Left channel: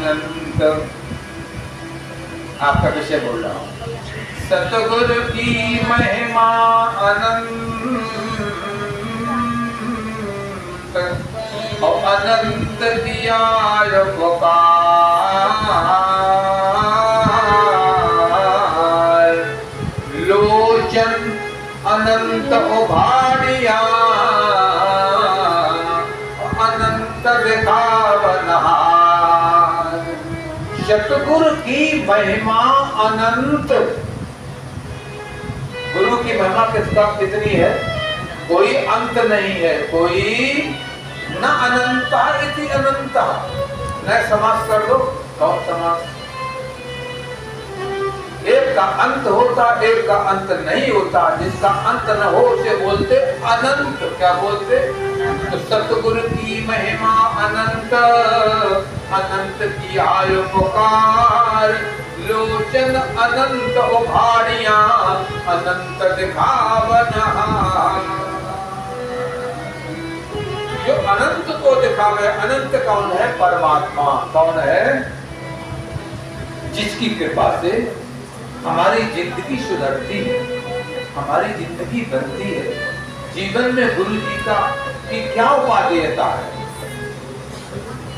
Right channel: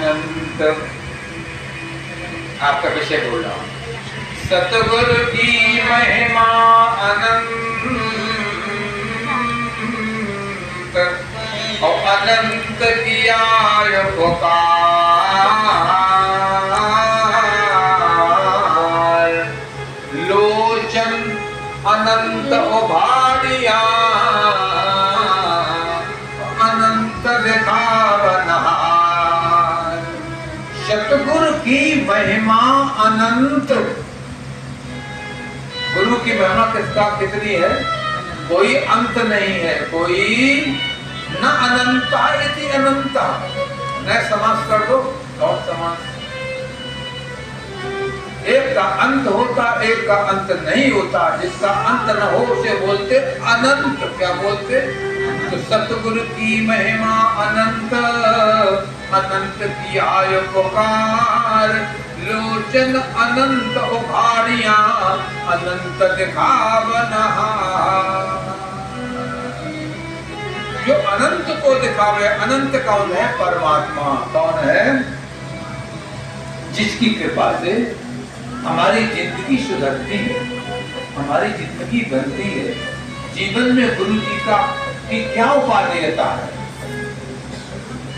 अनंत। आपका विषय बोल रहा हूं। सतगुरु की महिमा अनंत और अनंत किया उपकार, लोचन अनंत उभारिया अनंत दिखावनहार। सतगुरु की महिमा अनंत। गुरु की महिमा किसका कितनी है? कोई अंत नहीं है। कोई न अनंता इति अनंता। न समास कर दो और समास। एक का अंत होता, एक का अंत नहीं होता। जिसका अंत न हो उसे बोलते अनंत। क्या बोलते? तो सतगुरु की महिमा अनंत, अनंत किया उपकार, लोचन अनंत उभारिया अनंत दिखावनहार। जो अनंत को दिखावे। अनंत कौन है? परमात्मा। कौन है? जिसकी कृपा से हमारी जिंदगी सुधरती है, हमारी जिंदगी बनती है। जीवन में गुरु जी की क्या उपादेयता है?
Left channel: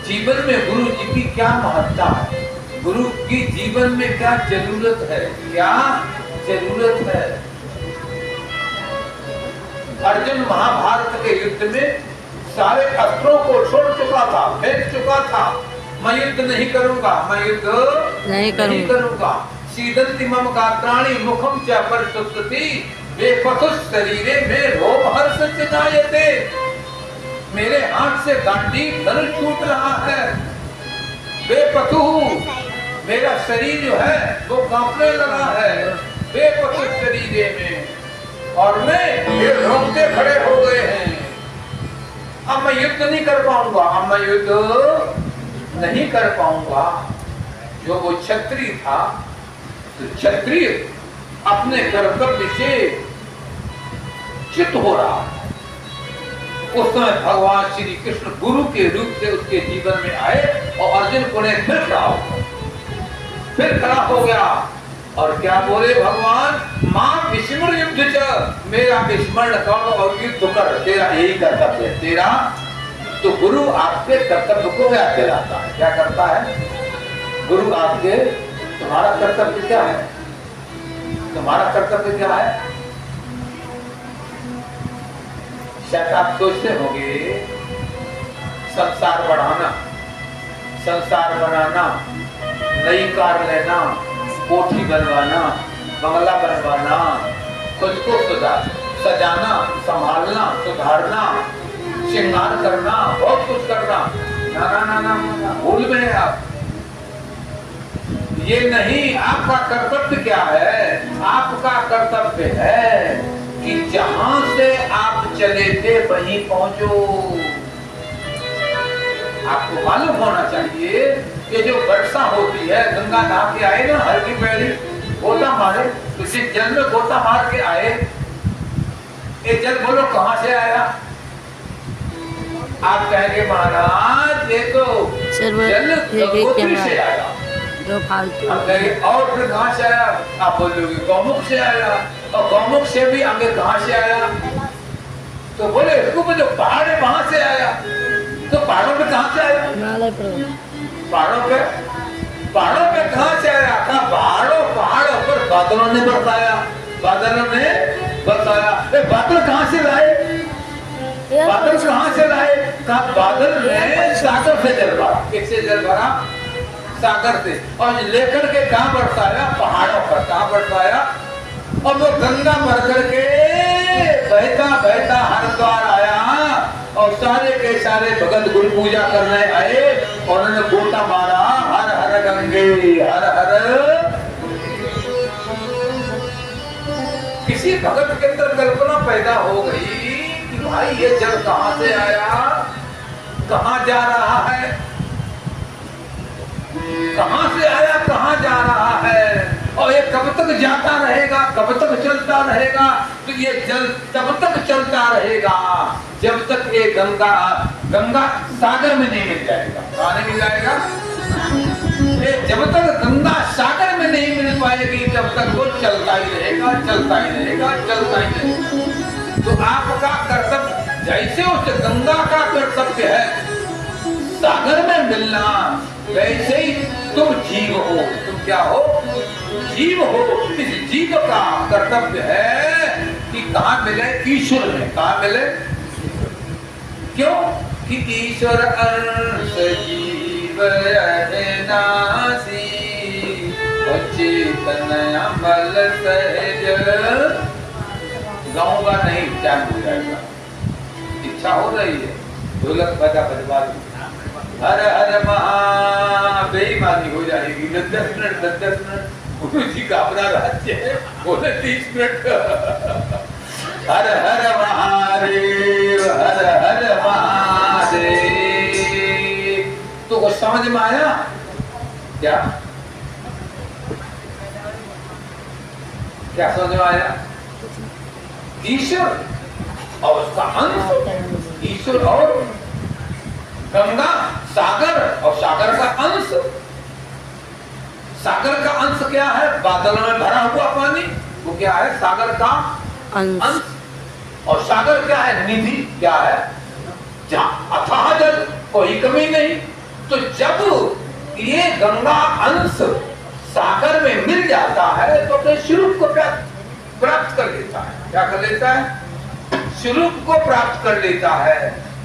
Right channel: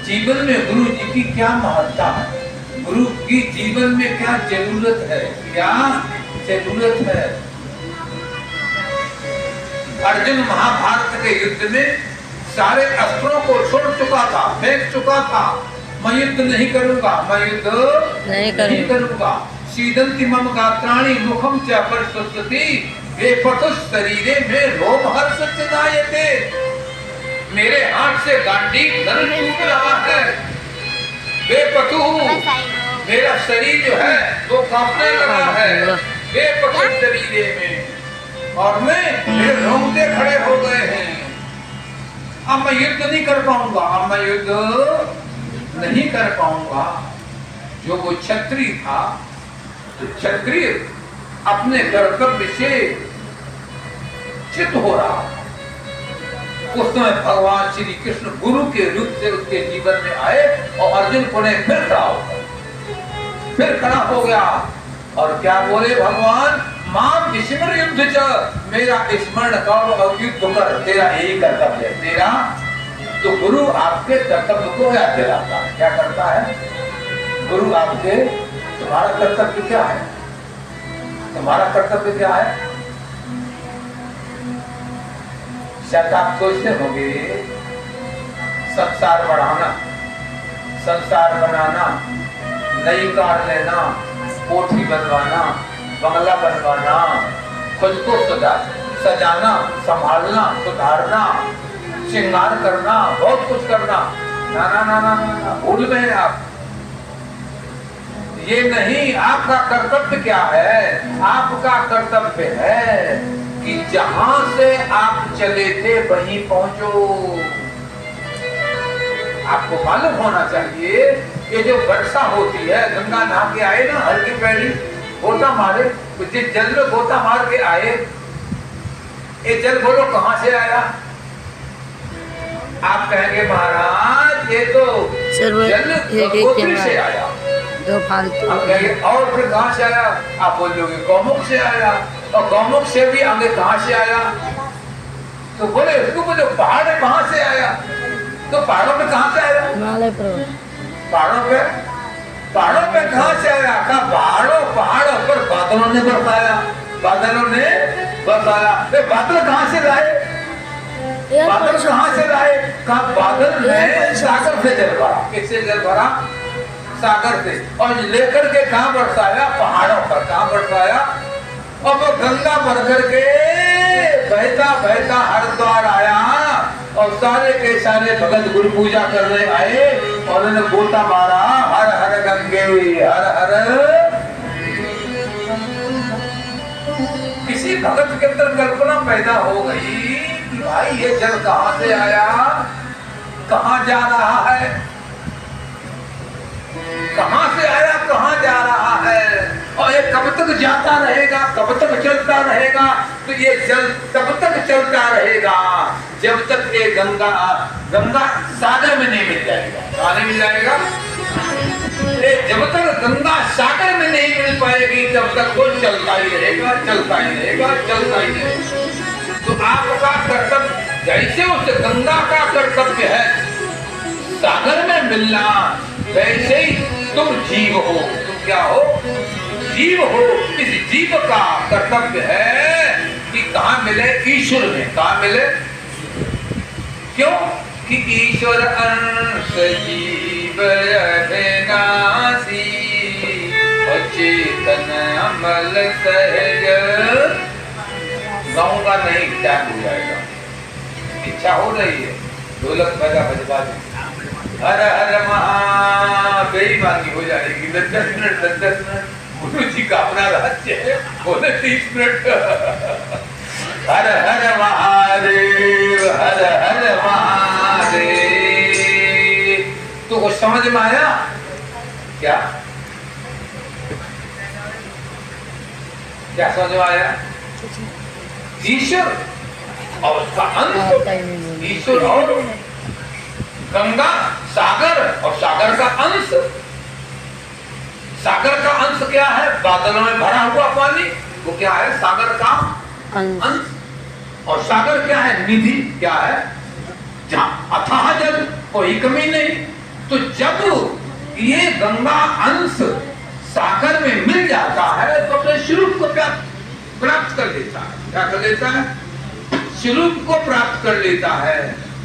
जीवन में गुरु जी की क्या महत्ता है? गुरु की जीवन में क्या जरूरत है? क्या जरूरत है? अर्जुन महाभारत के युद्ध में सारे अस्त्रों को छोड़ चुका था, फेंक चुका था। मैं युद्ध नहीं करूंगा, मैं युद्ध नहीं करूंगा। सीदंति मम गात्राणि मुखम च प्रस्तुति बेपतुष शरीरे में रोम हर्ष चिदायते। मेरे हाथ से गांडीव धनुष टूट रहा है। बेपतु मेरा शरीर जो है वो कांपने लगा है। बेपतुष शरीरे में और मेरे रोंगटे खड़े हो गए हैं। अब मैं युद्ध नहीं कर पाऊंगा, अब मैं युद्ध नहीं कर पाऊंगा। जो वो क्षत्रिय था, तो क्षत्रिय अपने कर्तव्य से चित हो रहा है। उस समय भगवान श्री कृष्ण गुरु के रूप से उसके जीवन में आए और अर्जुन को ने फिर खड़ा हो गया। और क्या बोले भगवान? मां विस्मृत युद्ध च, मेरा स्मरण कर और युद्ध कर। तेरा यही कर्तव्य है तेरा। तो गुरु आपके कर्तव्य को याद दिलाता है। क्या करता है गुरु आपके? तुम्हारा कर्तव्य क्या है? तुम्हारा कर्तव्य क्या है? शायद आप सोचते होंगे संसार बढ़ाना, संसार बनाना, नई कार लेना, कोठी बनवाना, बंगला बनवाना, खुद को सजाना, संभालना, सुधारना, श्रृंगार करना, बहुत कुछ करना। ना ना ना ना ना, भूल गए आप। ये नहीं। आपका कर्तव्य क्या है? आपका कर्तव्य है कि जहां से आप चले थे वहीं पहुंचो। आपको मालूम होना चाहिए ये जो वर्षा होती है, गंगा नहा के आए ना, हल्की पैड़ी गोता मारे, उसी जल में गोता मार के आए। ये जल बोलो कहां से आया? आप कहेंगे महाराज ये तो जल गंगोत्री से आया। दो फालतू। आप कहेंगे और फिर कहां से आया? आप बोलोगे गौमुख से आया। और गौमुख से भी आगे कहां से आया? तो बोले इसको बोलो पहाड़ है वहां से आया। तो पहाड़ों पे कहां से आया? हिमालय पर्वत। पहाड़ों पे कहां से आया? कहा पहाड़ों पर बादलों ने बरसाया। बादलों ने बरसाया। बादल कहां से लाए? बादल कहां से लाए? कहा बादल में सागर से जल भरा। किससे जल भरा? सागर से। और लेकर के कहां बरसाया? पहाड़ों पर। कहां बरसाया? और वो गंगा भर करके बहता बहता हरिद्वार आया और सारे के सारे भगत गुरु पूजा करने आए और उन्होंने गोता मारा, हर हर गंगे हर हर। किसी भगत के अंदर कल्पना पैदा हो गई कि भाई ये जल कहां से आया, कहां जा रहा है, कहां से आया, कहां जा रहा है, और ये कब तक जाता रहेगा, कब तक चलता रहेगा। तो ये जल तब तक चलता रहेगा जब तक ये गंगा सागर में नहीं मिल जाएगा। कहां नहीं मिल जाएगा? जब तक गंगा सागर में नहीं मिल पाएगी तब तक वो चलता ही रहेगा, चलता ही रहेगा, चलता ही रहेगा। तो आपका कर्तव्य जैसे उस गंगा का कर्तव्य है सागर में मिलना, वैसे ही तुम जीव हो। तुम क्या हो? जीव हो। इस जीव का कर्तव्य है कि कहाँ मिले? ईश्वर में। कहाँ मिले? क्यों? कि ईश्वर अंश जीव अविनाशी चेतन अमल सहज। गाऊंगा नहीं, क्या हो जाएगा? इच्छा हो रही है, ढोलक बजा बजवा दो। हर हर महा बेईमानी हो जाएगी। 10 मिनट गुरु जी का अपना राज्य है, बोले 30 मिनट। हर हर महादेव, हर हर महादेव। तो कुछ समझ में आया क्या? क्या समझ में आया? ईश्वर और उसका अंश, ईश्वर और गंगा, सागर और सागर का अंश। सागर का अंश क्या है? बादलों में भरा हुआ पानी, वो क्या है? सागर का अंश। और सागर क्या है? निधि। क्या है? जहां अथाह जल, कोई कमी नहीं। तो जब ये गंगा अंश सागर में मिल जाता है तो अपने स्वरूप को प्राप्त कर लेता है। क्या कर लेता है? स्वरूप को प्राप्त कर लेता है।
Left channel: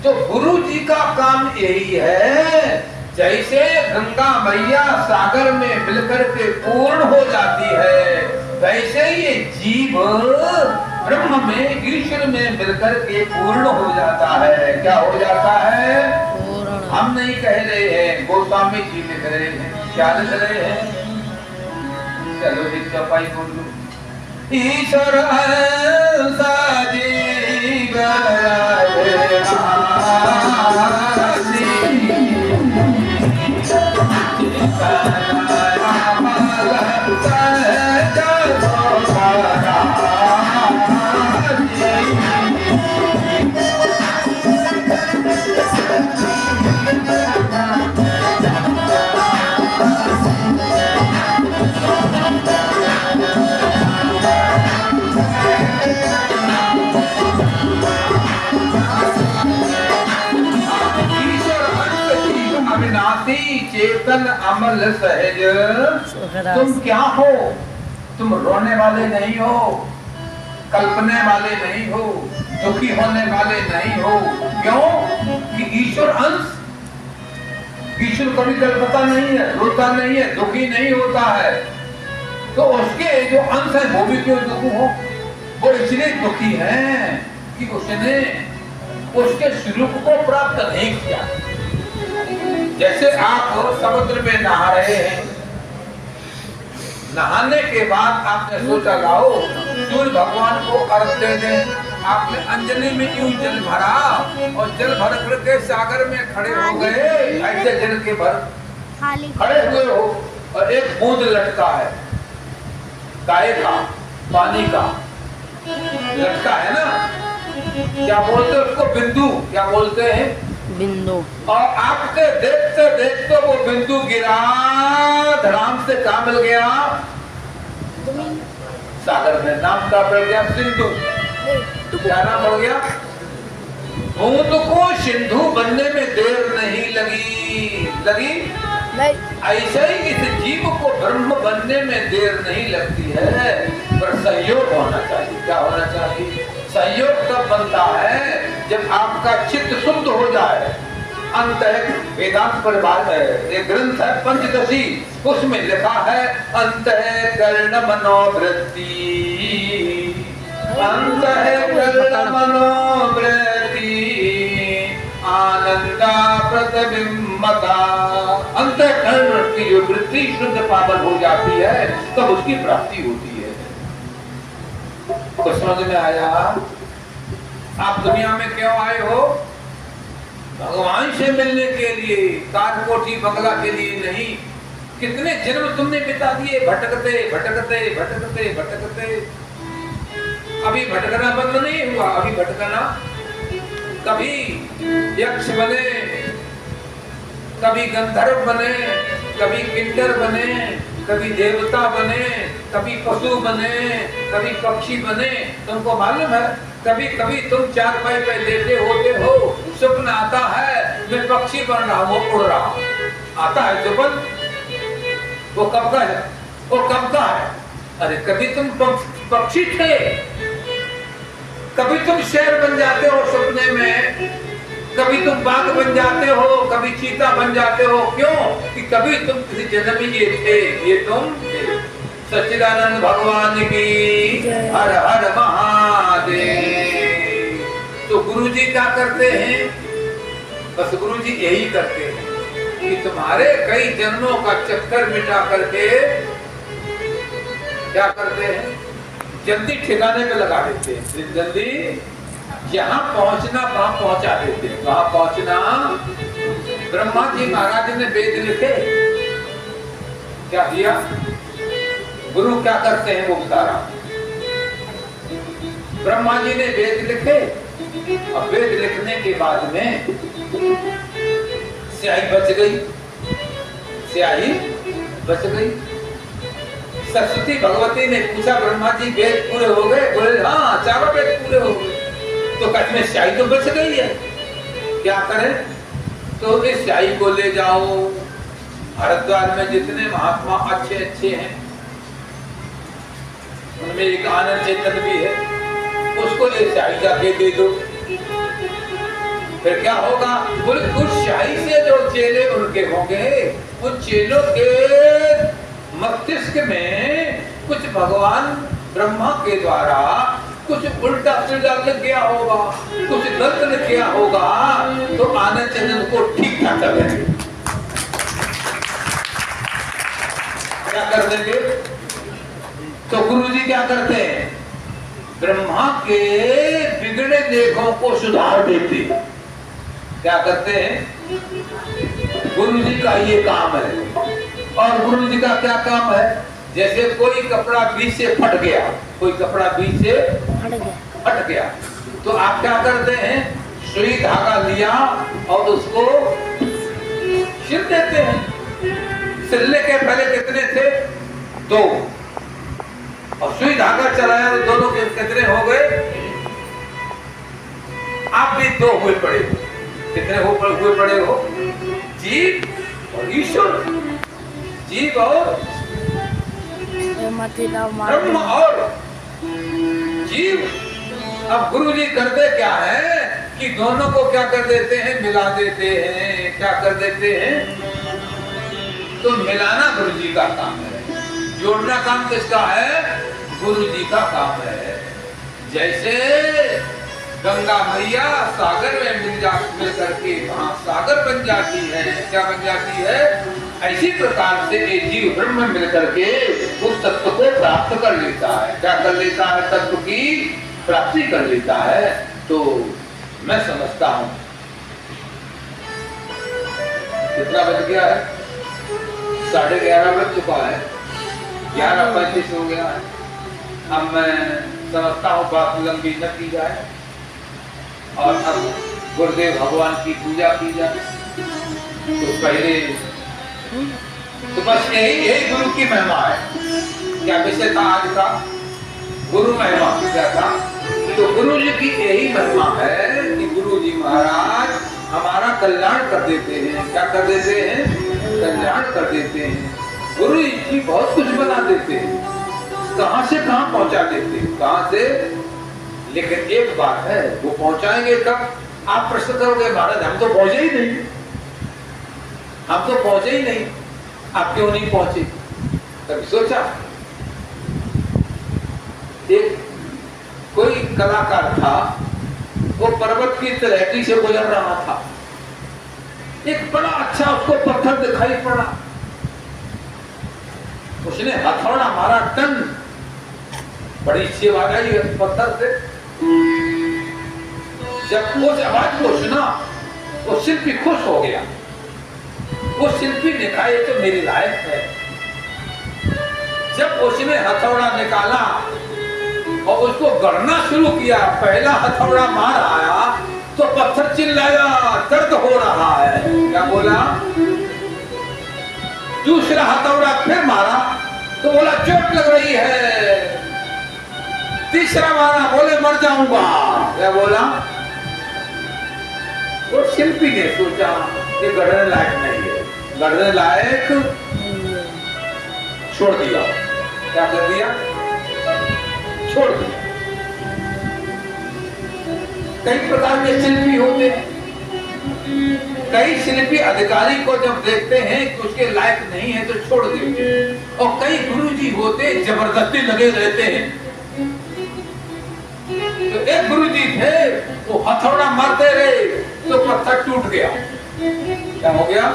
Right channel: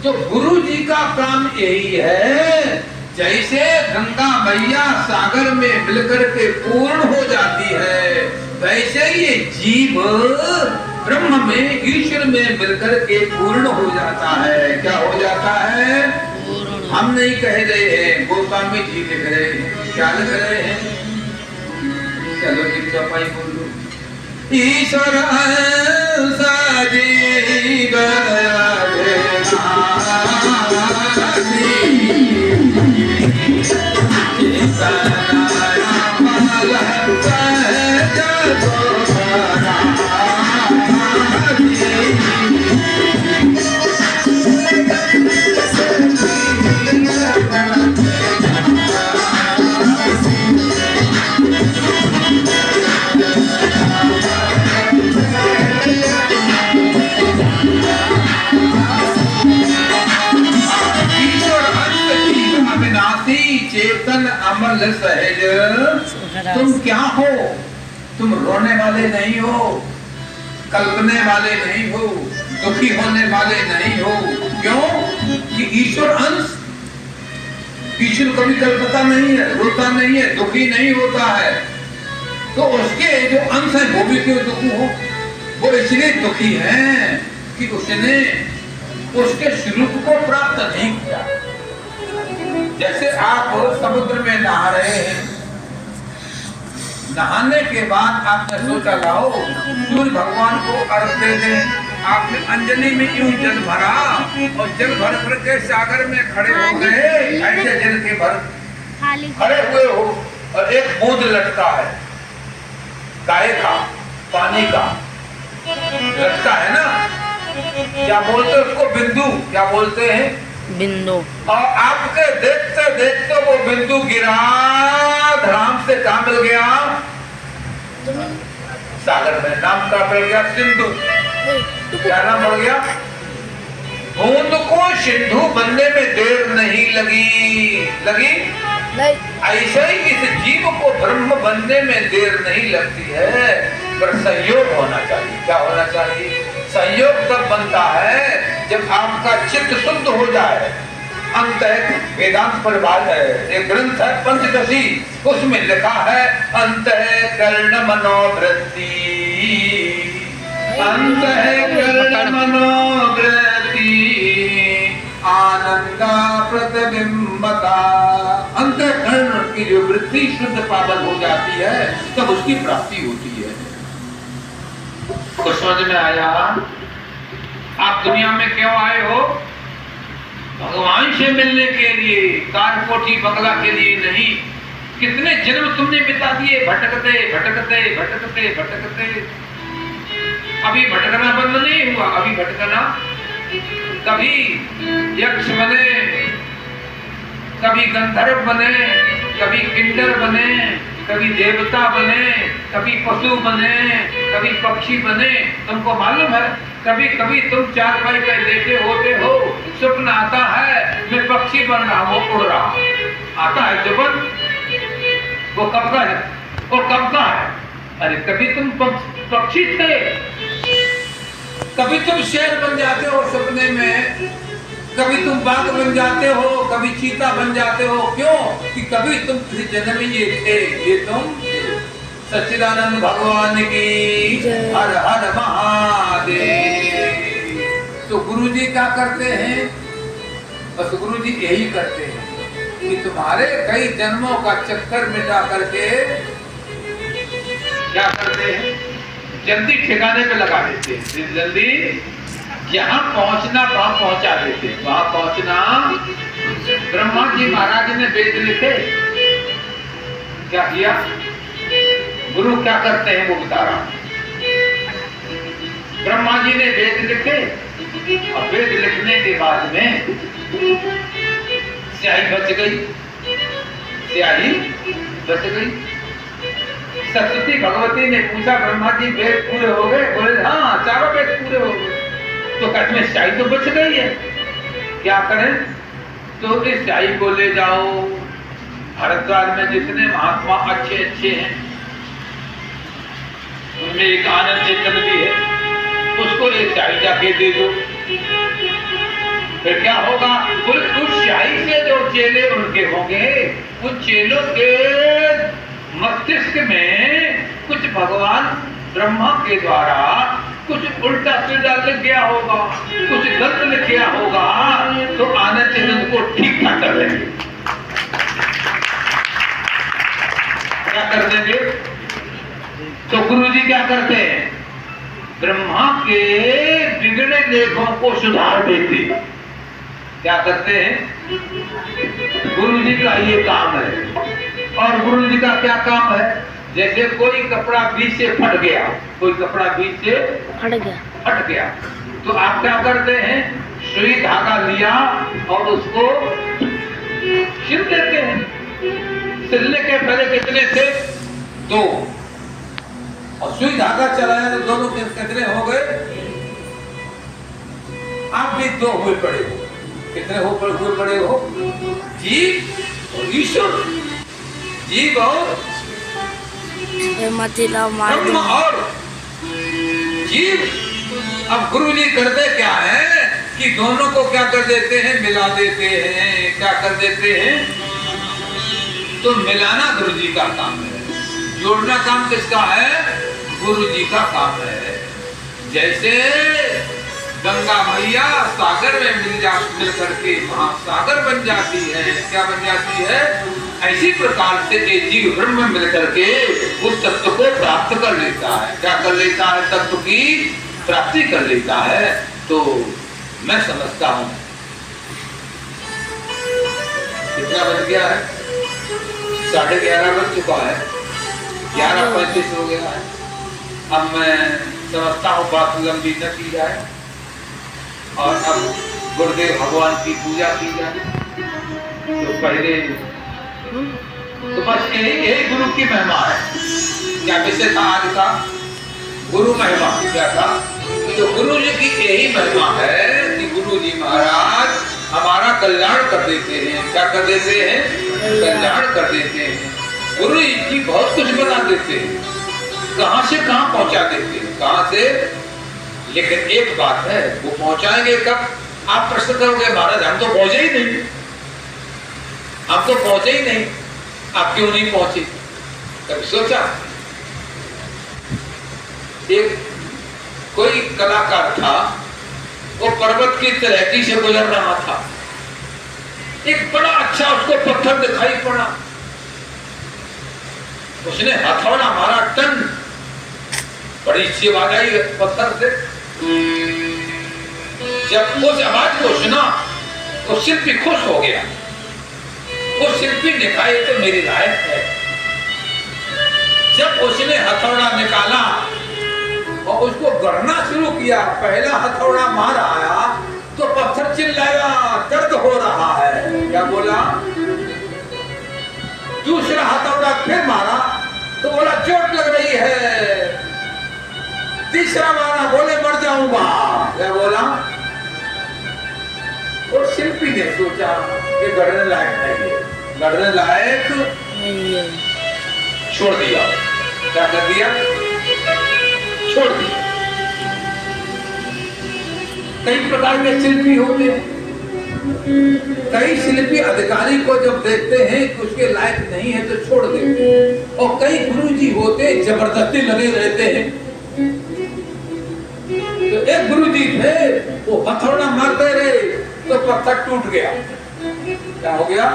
तो गुरु जी का काम यही है, जैसे गंगा मैया सागर में मिलकर के पूर्ण हो जाती है, वैसे ये जीव ब्रह्म में, ईश्वर में मिलकर के पूर्ण हो जाता है। क्या हो जाता है? हम नहीं कह रहे हैं, गोस्वामी जी लिख रहे हैं। क्या लिख रहे हैं? चलो जी सफाई बोलो। ईश्वर सजीव चेतन अमल सहज। तुम क्या हो? तुम रोने वाले नहीं हो, कल्पने वाले नहीं हो, दुखी होने वाले नहीं हो। क्यों? कि ईश्वर अंश, ईश्वर कभी कल्पता नहीं है, रोता नहीं है, दुखी नहीं होता है। तो उसके जो अंश है वो भी क्यों दुखी हो? वो इसलिए दुखी है कि उसने उसके स्वरूप को प्राप्त नहीं किया। जैसे आप समुद्र में नहा रहे हैं, नहाने के बाद आपने सोचा लाओ सूर्य भगवान को अर्घ दे दें। आपने अंजलि में यूं जल भरा और जल भर करके सागर में खड़े हो गए। ऐसे जल के भर खड़े हुए हो और एक बूंद लटका है, गाय का, पानी का लटका है ना। क्या बोलते हैं उसको? बिंदु। क्या बोलते हैं? बिंदु। और आपके देखते देखते वो बिंदु गिरा, धड़ाम से कहाँ मिल गया? सागर में। नाम का पड़ गया सिंधु। क्या नाम पड़ गया? बूंद को सिंधु बनने में देर नहीं लगी नहीं। ऐसे ही इस जीव को ब्रह्म बनने में देर नहीं लगती है, पर संयोग होना चाहिए। क्या होना चाहिए? संयोग तब बनता है जब आपका चित्त शुद्ध हो जाए। अंत वेदांत परिभाषा है, एक ग्रंथ है पंचदशी, उसमें लिखा है अंतःकरण मनोवृत्ति, अंतःकरण मनोवृत्ति आनंदा प्रतिबिंबता। अंतःकरण की जो वृत्ति शुद्ध पावन हो जाती है तब उसकी प्राप्ति होती है। कुछ समझ में आया? आप दुनिया में क्यों आए हो? भगवान से मिलने के लिए, कार कोठी बंगला के लिए नहीं। कितने जन्म तुमने बिता दिए भटकते भटकते भटकते भटकते। अभी भटकना बंद नहीं हुआ, अभी भटकना। कभी यक्ष बने, कभी गंधर्व बने, कभी किन्नर बने, कभी देवता बने, कभी पशु बने, कभी पक्षी बने। तुमको मालूम है कभी कभी तुम चारपाई पे लेटे होते हो, स्वप्न आता है मैं पक्षी बन रहा हूँ, उड़ रहा हूँ, आता है स्वप्न। वो कब का है? वो कब का है? अरे कभी तुम पक्षी थे, कभी तुम शेर बन जाते हो सपने में, कभी तुम बाघ बन जाते हो, कभी चीता बन जाते हो। क्यों? कि कभी तुम किसी जन्म में ये थे, ये तुम थे। सच्चिदानंद भगवान की हर हर महादेव। तो गुरु जी क्या करते हैं? बस गुरु जी यही करते हैं कि तुम्हारे कई जन्मों का चक्कर मिटा करके क्या करते हैं, जल्दी ठिकाने पे लगा देते हैं। जल्दी यहाँ पहुंचना वहां पहुंचा देते हैं। वहां पहुंचना, ब्रह्मा जी महाराज ने वेद लिखे, क्या किया? गुरु क्या करते हैं वो बता रहा हूं। ब्रह्मा जी ने वेद लिखे और वेद लिखने के बाद में स्याही बच गई, स्याही बच गई। सरस्वती भगवती ने पूछा ब्रह्मा जी वेद पूरे हो गए? बोले हाँ, चारों वेद पूरे हो गए। तो कहते में स्याही तो बच गई है, क्या करें? तो इस स्याही को ले जाओ, हरिद्वार में जितने महात्मा अच्छे अच्छे हैं उनमें एक आनंद चेतन भी है, उसको ये स्याही जाके दे दो। फिर क्या होगा? उस स्याही से जो चेले उनके होंगे, उन चेलों के मस्तिष्क में कुछ भगवान ब्रह्मा के द्वारा कुछ उल्टा सीधा लिख गया होगा, कुछ गलत लिख गया होगा, तो आनंद चेतन को ठीक ठाक कर देंगे। क्या कर देंगे? तो गुरु जी क्या करते हैं? ब्रह्मा के बिगड़े लेखों को सुधार देते। क्या करते हैं? गुरु जी का ये काम है। और गुरु जी का क्या काम है? जैसे कोई कपड़ा बीच से फट गया, कोई कपड़ा बीच से हट गया, तो आप क्या करते हैं? सुई धागा लिया और उसको सिल देते हैं। सिलने के पहले कितने थे? 2, और सुई धागा चलाया तो दोनों कितने हो गए? आप भी 2 हुए पड़े हो। कितने हुए पड़े हो? जीव और ईश्वर, जीव और ब्रह्म और जीव। अब गुरु जी करते क्या है कि दोनों को क्या कर देते हैं? मिला देते हैं। क्या कर देते हैं? तो मिलाना गुरु जी का काम है, जोड़ना काम किसका है? गुरु जी का काम है। जैसे गंगा मैया सागर में मिल करके वहां सागर बन जाती है, क्या बन जाती है? ऐसी प्रकार से ये जीव ब्रह्म में मिल करके उस तत्व को प्राप्त कर लेता है। क्या कर लेता है? तत्व की प्राप्ति कर लेता है। तो मैं समझता हूं कितना बज गया है? 11:30 बज चुका है, 11:35 हो गया है। अब मैं समझता हूँ बात लंबी न की जाए और अब गुरुदेव भगवान की पूजा की जाए। तो पहले तो बस यही गुरु की महिमा है। क्या विषय था आज का? गुरु महिमा। क्या था? तो गुरु जी की यही महिमा है कि गुरु जी महाराज हमारा कल्याण कर देते हैं। क्या कर देते हैं? कल्याण कर देते हैं। गुरु जी बहुत कुछ बना देते हैं, कहां से कहां पहुंचा देते हैं, कहां से। लेकिन एक बात है, वो पहुंचाएंगे कब? आप प्रश्न करोगे महाराज हम तो पहुंचे ही नहीं, हम तो पहुंचे ही नहीं। आप क्यों नहीं पहुंचे? कभी सोचा? एक कोई कलाकार था, वो पर्वत की तलहटी से गुजर रहा था। एक बड़ा अच्छा उसको पत्थर दिखाई पड़ा, उसने हथौड़ा मारा, टन, बड़ी अच्छी आवाज आई पत्थर से। जब उस आवाज को सुना वो शिल्पी खुश हो गया। वो शिल्पी दिखाई तो मेरी लायक है। जब उसने हथौड़ा निकाला और उसको गढ़ना शुरू किया, पहला हथौड़ा मार आया तो पत्थर चिल्लाया, दर्द हो रहा है। क्या बोला? दूसरा हथौड़ा फिर मारा तो बोला चोट लग रही है। तीसरा मारा, बोले मर जाऊंगा। क्या बोला? वो शिल्पी ने सोचा कि गढ़ने लायक नहीं है, गढ़ने लायक नहीं है, छोड़ दिया। क्या कर दिया? छोड़ दिया। कई प्रकार के शिल्पी होते हैं। कई शिल्पी अधिकारी को जब देखते हैं कि उसके लायक नहीं है तो छोड़ देते हैं, और कई गुरुजी होते जबरदस्ती लगे रहते हैं। तो एक गुरुजी थे, वो हथौड़ा मारते रहे तो पत्थर टूट गया। क्या हो गया?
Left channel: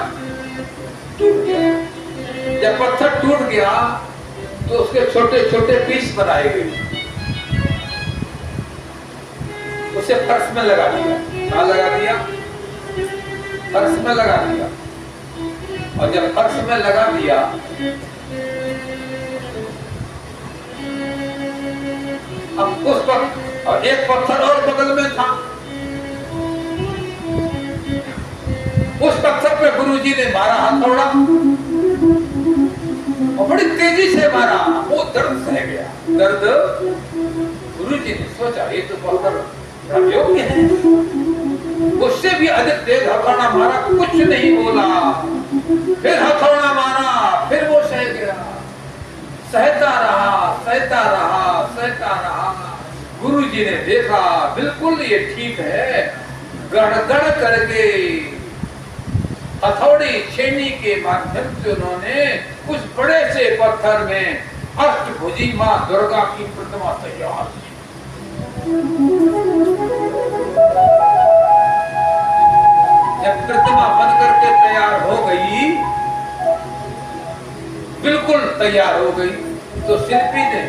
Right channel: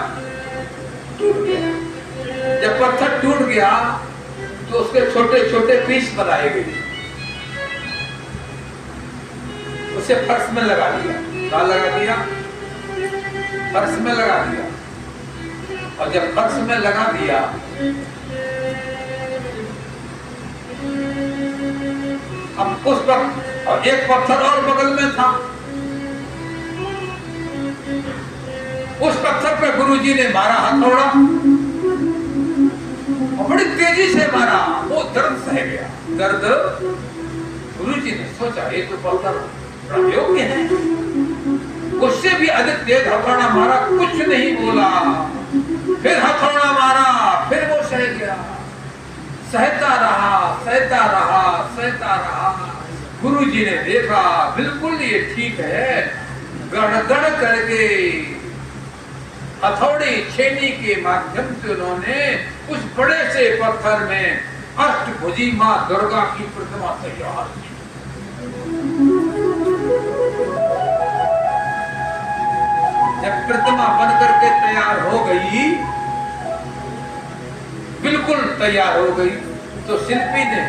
टूट गया। जब पत्थर टूट गया तो उसके छोटे छोटे पीस बनाए गए, उसे फर्श में लगा दिया। कहाँ लगा दिया? फर्श में लगा दिया। और जब फर्श में लगा दिया अब उस पर, और एक पत्थर और बगल में था, उस पत्थर पे गुरुजी ने मारा हथौड़ा, और बड़ी तेजी से मारा। वो दर्द सह गया। दर्द, गुरुजी ने सोचा ये तो पत्थर योग्य है, उससे भी अधिक तेज हथौड़ा मारा, कुछ नहीं बोला। फिर हथौड़ा मारा, फिर वो सह गया। सहता रहा, सहता रहा, सहता रहा। गुरुजी ने देखा बिल्कुल ये ठीक है। गड़गड़ करके हथौड़ी छेनी के माध्यम से उन्होंने उस बड़े से पत्थर में अष्टभुजी मां दुर्गा की प्रतिमा तैयार की। जब प्रतिमा बन करके तैयार हो गई, बिल्कुल तैयार हो गई, तो शिल्पी ने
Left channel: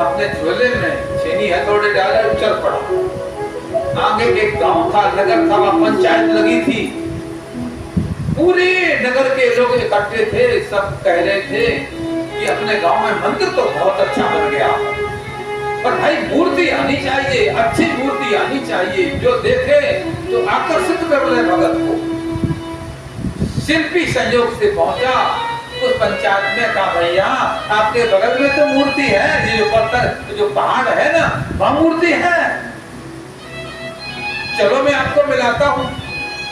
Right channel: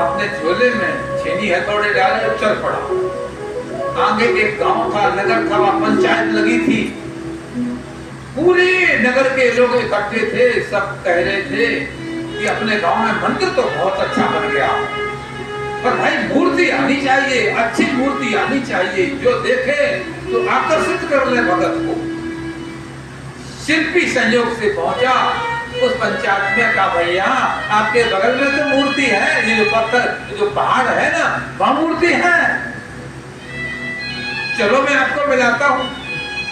अपने झोले में छेनी हथौड़े डाले और चल पड़ा। आगे एक गांव था, नगर था, वहां पंचायत लगी थी। पूरे नगर के लोग इकट्ठे थे, सब कह रहे थे कि अपने गांव में मंदिर तो बहुत अच्छा बन गया, पर भाई मूर्ति आनी चाहिए, अच्छी मूर्ति आनी चाहिए, जो देखे तो आकर्षित कर ले भगत को। शिल्पी संयोग से पहुंचा उस पंचायत में, कहा भैया आपके बगल में तो मूर्ति है, ये जो पत्थर जो पहाड़ है ना, वहां मूर्ति है, चलो मैं आपको मिलाता हूँ।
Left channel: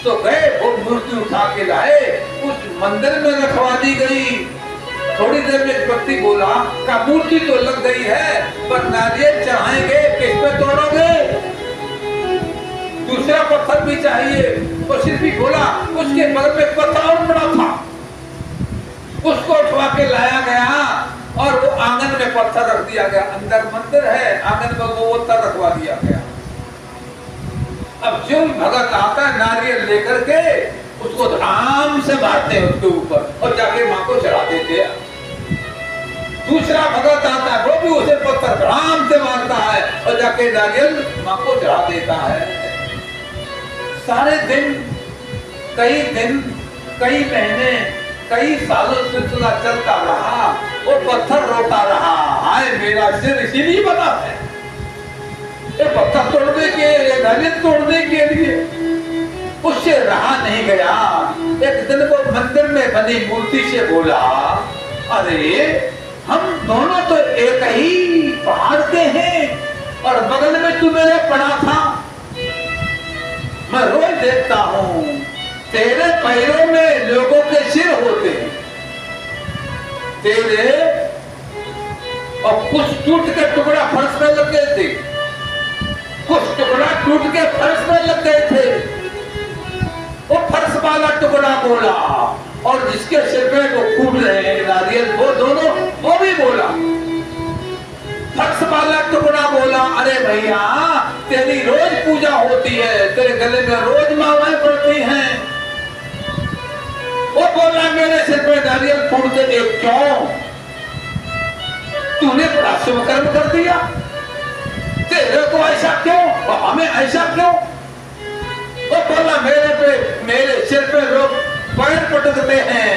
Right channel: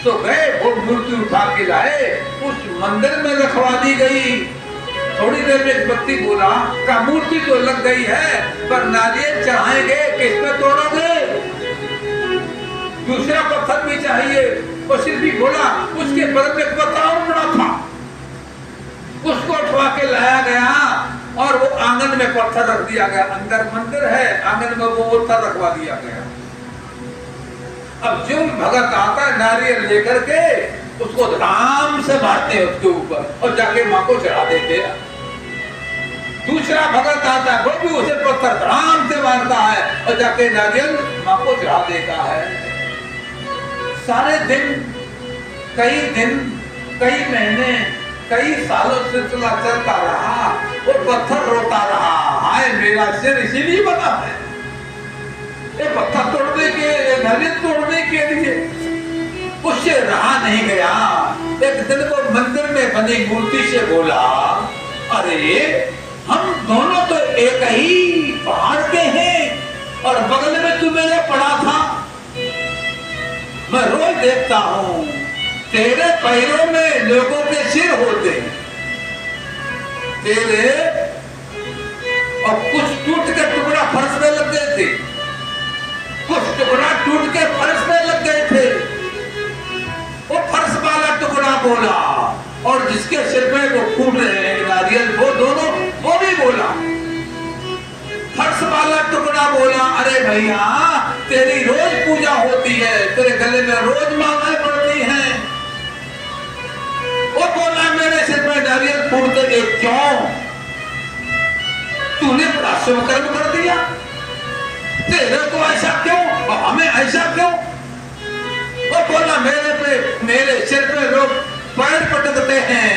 तो गए, वो मूर्ति उठा के लाए, उस मंदिर में रखवा दी गई। थोड़ी देर में एक व्यक्ति बोला का मूर्ति तो लग गई है, पर नारियल चढ़ाएंगे, किस पे तोड़ोगे? दूसरा पत्थर भी चाहिए। वो शिल्पी बोला उसके बगल में पत्थर और बड़ा था, उसको उठवा के लाया गया और वो आंगन में पत्थर रख दिया गया। अंदर मंदिर है, आंगन में वो पत्थर रखवा दिया गया। अब जो भगत आता है नारियल लेकर के उसको धाम से मारते हैं उसके ऊपर और जाके मां को चढ़ा देते हैं। दूसरा भगत आता है, वो भी उसे पत्थर धाम से मारता है और जाके नारियल मां को चढ़ा देता है। सारे दिन, कई महीने, कई सालों सिलसिला चलता रहा। वो पत्थर रोता रहा, हाय मेरा सिर इसीलिए बना है, ये पत्थर तोड़ने के, नारियल तोड़ने के लिए। उससे रहा नहीं गया। एक दिन वो मंदिर में बनी मूर्ति से बोला, अरे हम दोनों तो एक ही पहाड़ के हैं और बगल में तू मेरे पड़ा था, मैं रोज देखता हूँ तेरे पैरों में लोगों के सिर होते हैं, तेरे, और कुछ टूट के टुकड़ा फर्श में लग गए थे, कुछ टुकड़ा टूट के फर्श में लग गए थे। वो फर्श वाला टुकड़ा बोला और जिसके सिर पे वो फूट रहे हैं नारियल, वो दोनों, वो भी बोला। फर्श वाला टुकड़ा बोला, अरे भैया तेरी रोज पूजा होती है, तेरे गले में रोज मालाएं पड़ती हैं। वो बोला मेरे सिर पे नारियल फूटते देख क्यों? तूने बड़ा शुभ कर्म कर दिया, तेरे को ऐसा क्यों और हमें ऐसा क्यों? वो बोला मेरे सिर पे लोग पैर पटकते हैं,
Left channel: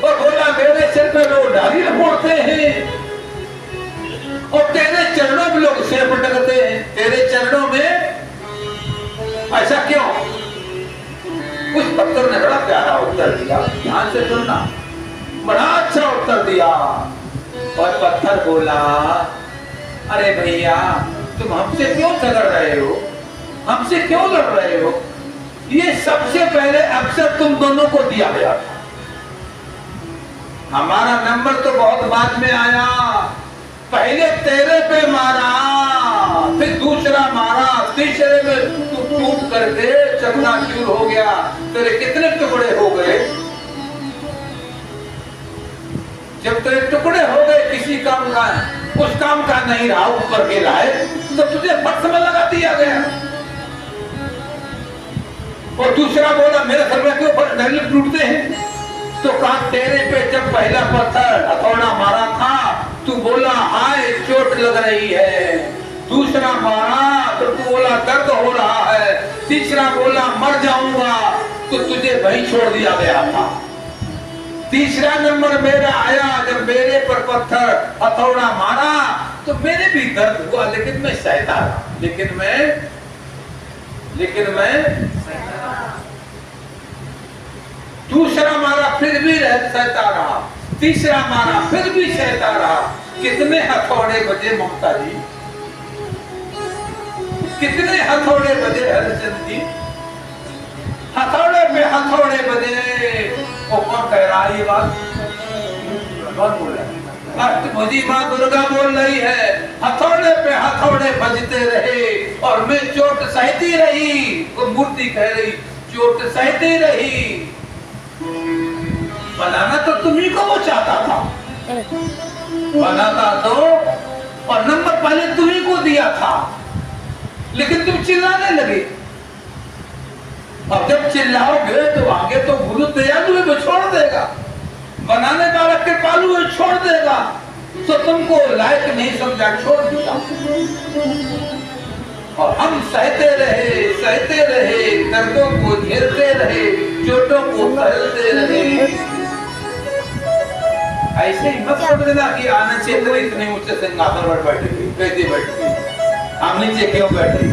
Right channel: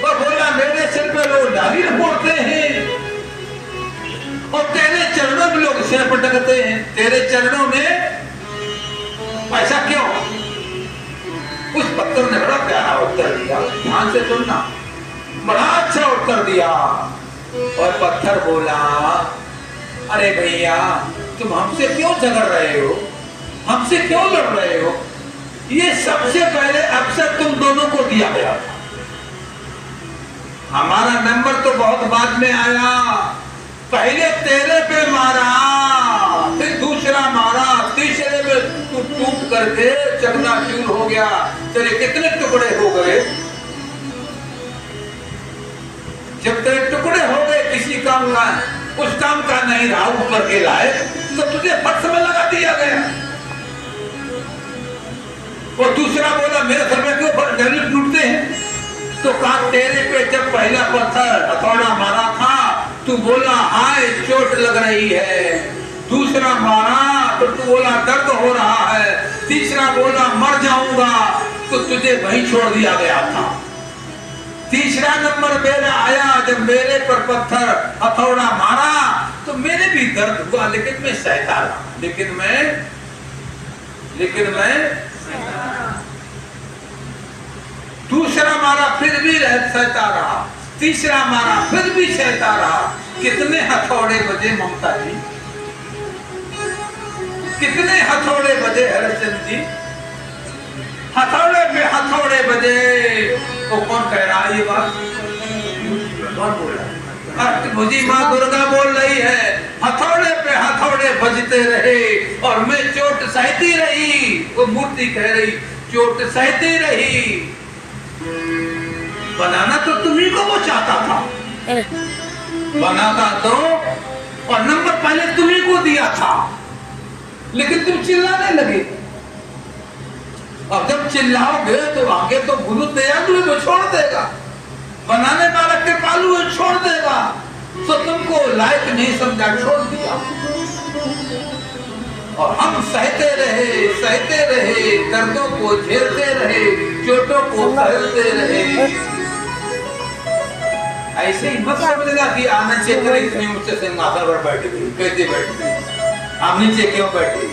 वो बोला मेरे सिर पे लोग नारियल फोड़ते हैं, और तेरे चरणों में लोग सिर पटकते हैं, तेरे चरणों में ऐसा क्यों? उस पत्थर ने बड़ा प्यारा उत्तर दिया, ध्यान से सुनना, बड़ा अच्छा उत्तर दिया। और पत्थर बोला, अरे भैया तुम हमसे क्यों झगड़ रहे हो, हमसे क्यों लड़ रहे हो? ये सबसे पहले अवसर तुम दोनों को दिया गया था, हमारा नंबर तो बहुत बाद में आया। पहले तेरे पे मारा, फिर दूसरा मारा, तीसरे में तू टूट करके चकनाचूर हो गया। तेरे कितने टुकड़े हो गए? जब तेरे टुकड़े हो गए किसी काम का, उस काम का नहीं रहा ऊपर के लाए, तो तुझे फट में लगा दिया गया। और दूसरा बोला मेरे घर में क्यों डंडे टूटते हैं? तो कहा तेरे पे जब पहला पत्थर हथौड़ा मारा था तू बोला हाय चोट लग रही है, दूसरा मारा तो तू बोला दर्द हो रहा है, तीसरा बोला मर जाऊंगा, तो तुझे वहीं छोड़ दिया गया था। तीसरा नंबर मेरा आया, जब मेरे पर पत्थर हथौड़ा मारा तो मेरे भी दर्द हुआ, लेकिन मैं सहता रहा, लेकिन मैं दूसरा मारा फिर भी सहता रहा, तीसरा मारा फिर भी सहता रहा। कितने हथौड़े बजे ममता जी, कितने हथौड़े बजे हरिचंद जी? हथौड़े पे हथौड़े बजे। वो कौन कह रहा है ये बात? कौन बोल रहा है? अष्टभुजी माँ दुर्गा बोल रही है, हथौड़े पे हथौड़े बजते रहे और मैं चोट सहती रही। वो मूर्ति कह रही चोट सहती रही। बनाना तो तुम्ही को वो चाहता था, बनाता तो, और नंबर पहले तुम्ही को दिया था, लेकिन तुम चिल्लाने लगे। और जब चिल्लाओगे तो आगे तो गुरु दयालु को छोड़ देगा, बनाने वाला कृपालु है छोड़ देगा। तो तुमको लायक नहीं समझा, छोड़ दिया। और हम सहते रहे, दर्दों को झेलते रहे, चोटों को सहते रहे। ऐसे ही मत समझना कि आना चेतन इतने ऊंचे सिंहासन पर बैठ गई, कैसे बैठ गई, हम नीचे क्यों बैठी?